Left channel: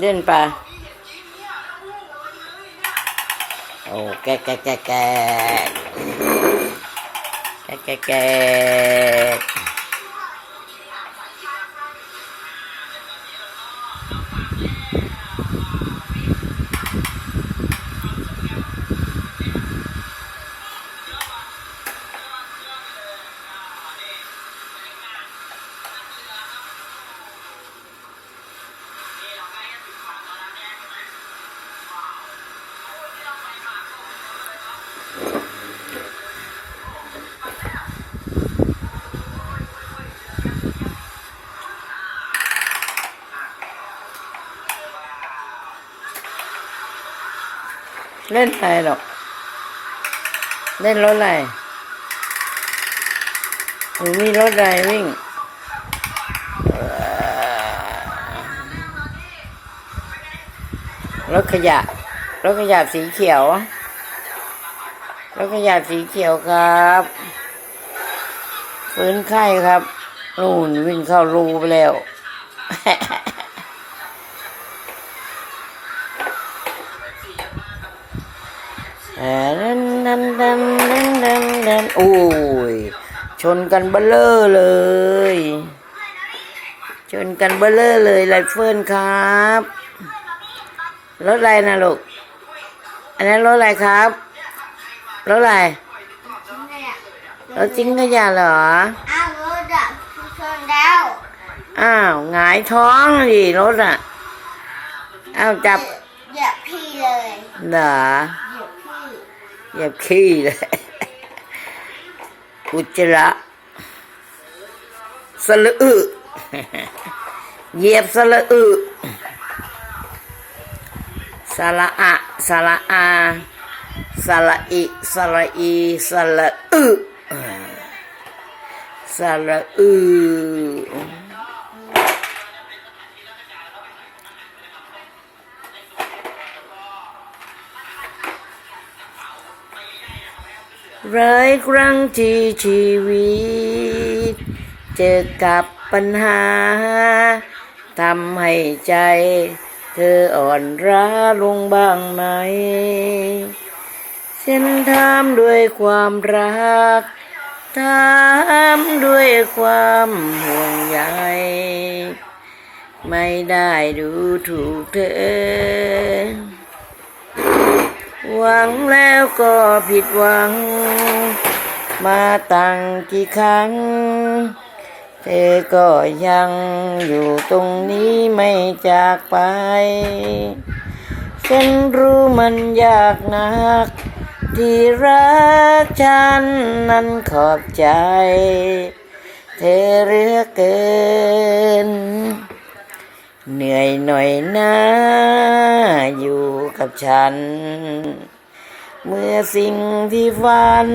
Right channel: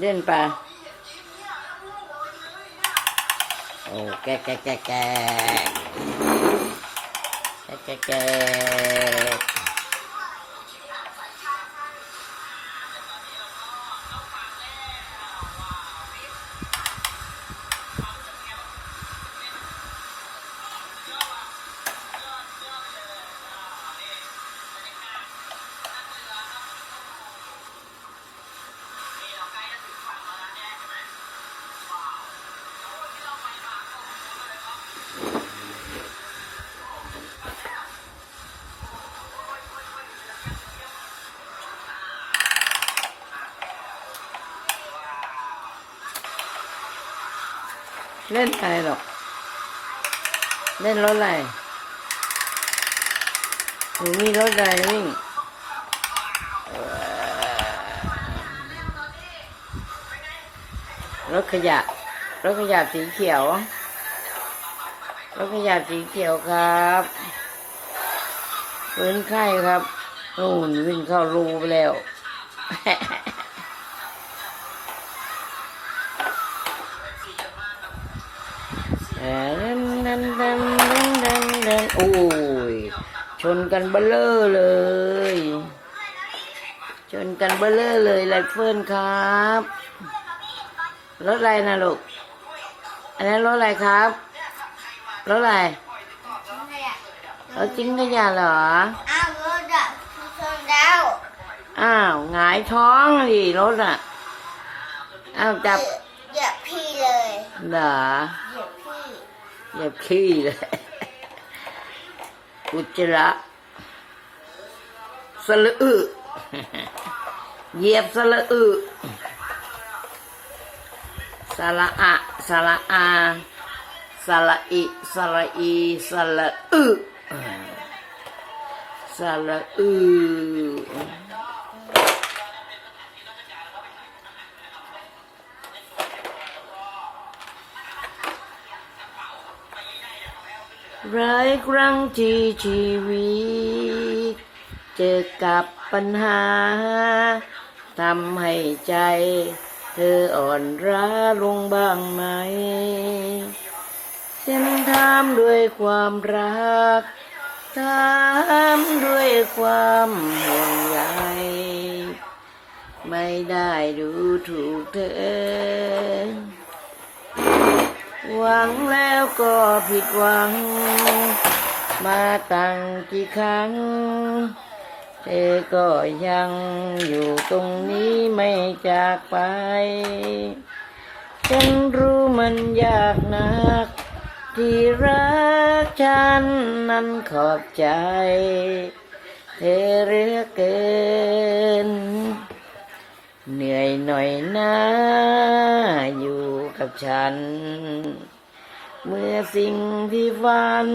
เล่นปลาโอ้แกแกแกแกแกแกแก เล่นอะไรหรอก เล่นรถอะไรหรือมีรถอะไรวิ่งรถขยะรถขยะสีเขียวรถขยะสีเขียวครับฟื้นไข้ครับนู่นวิ่งเข้ารูไปแล้ว โอ้ย ชนกันเบลเลอร์เลย ชนกันเบลเลอร์เลยไรเฟิลครับรถอะไรนะลูก อันนั้นรถอะไรครับรถอะไรรถจิ้งขยะเหรอ อ้าวรถอะชนแล้ว อ้าวหงายท้องดิรถอะ อ้าวจับเหยียบพี่เลยเหรอ เหยียบขี้เลยอุจจระสละอึเหยียบสละอึสละอะสละอาสละอิสละอีสละอึสละอึ ร้ายครั้งที่ชีวิต เจอกับปัญหาทำให้ใจ เธออ่อนร้าลงบ้างไหมฉันถามด้วยความรักถามด้วยความห่วงใยไม่ได้ดูถูกเธอ หวังแล้วก็ผิดหวัง มาตั้งกี่ครั้ง เธอก็ยังอยู่ตรงนี้ไม่จากไป ฉันรู้มันยากนัก ที่รักฉันนั้นขอบใจ เธอเหลือเกิน เหนื่อยหน่อยนะอยู่กับฉัน เมื่อสิ่งที่ฝัน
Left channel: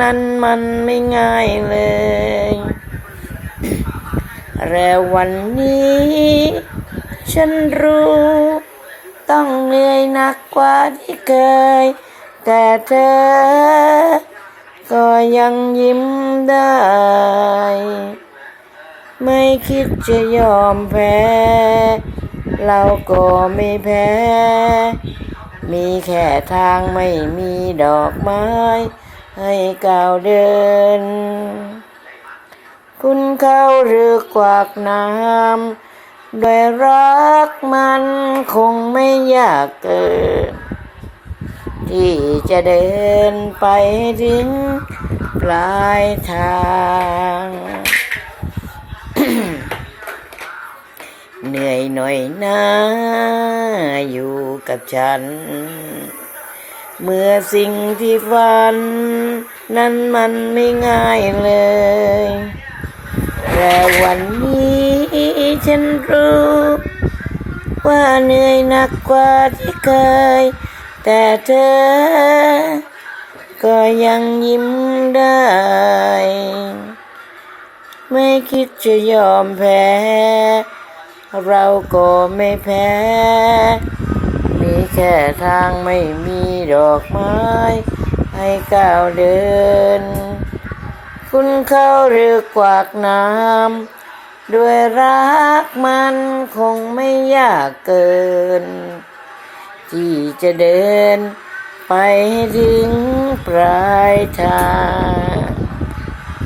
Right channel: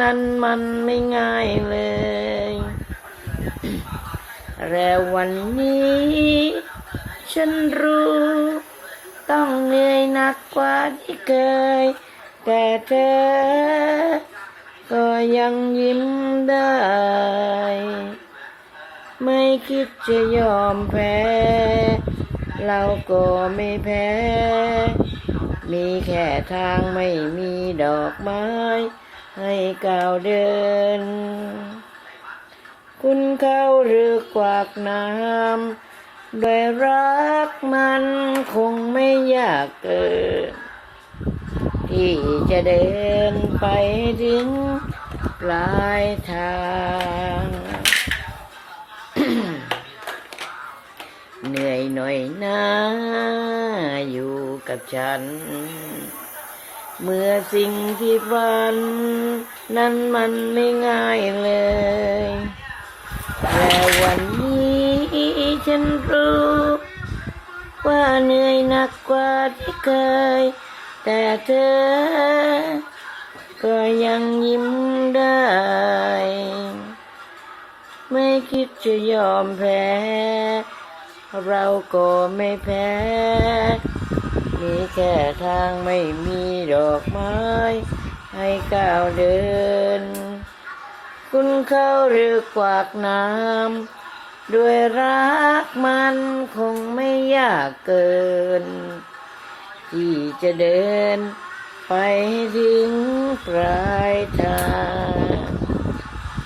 นั้นมันไม่ง่ายเลย แล้ววันนี้ ฉันรู้ ต้องเหนื่อยหนักกว่าที่เคย แต่เธอ ก็ยังยิ้มได้ ไม่คิดจะยอมแพ้ เราก็ไม่แพ้ มีแค่ทางไม่มีดอกไม้ ให้ก้าวเดิน คุณเข้าหรือกวากน้ำด้วยรักมันคงไม่ยากเกิน ที่จะเดินไปถึงปลายทางเหนื่อยหน่อยนะอยู่ กับฉัน เมื่อสิ่งที่ฝัน นั้นมันไม่ง่ายเลยแต่วันนี้ฉันรู้ว่าเหนื่อยหนักกว่าที่เคย แต่เธอ ก็ยังยิ้มได้ ไม่คิดจะยอมแพ้ เราก็ไม่แพ้ แค่ทางไม่มีดอกไม้ ให้ก้าวเดิน คุณเข้าหรือกวากน้ำด้วยรักมันคงไม่ยากเกิน ที่จะเดินไปถึงปลายทาง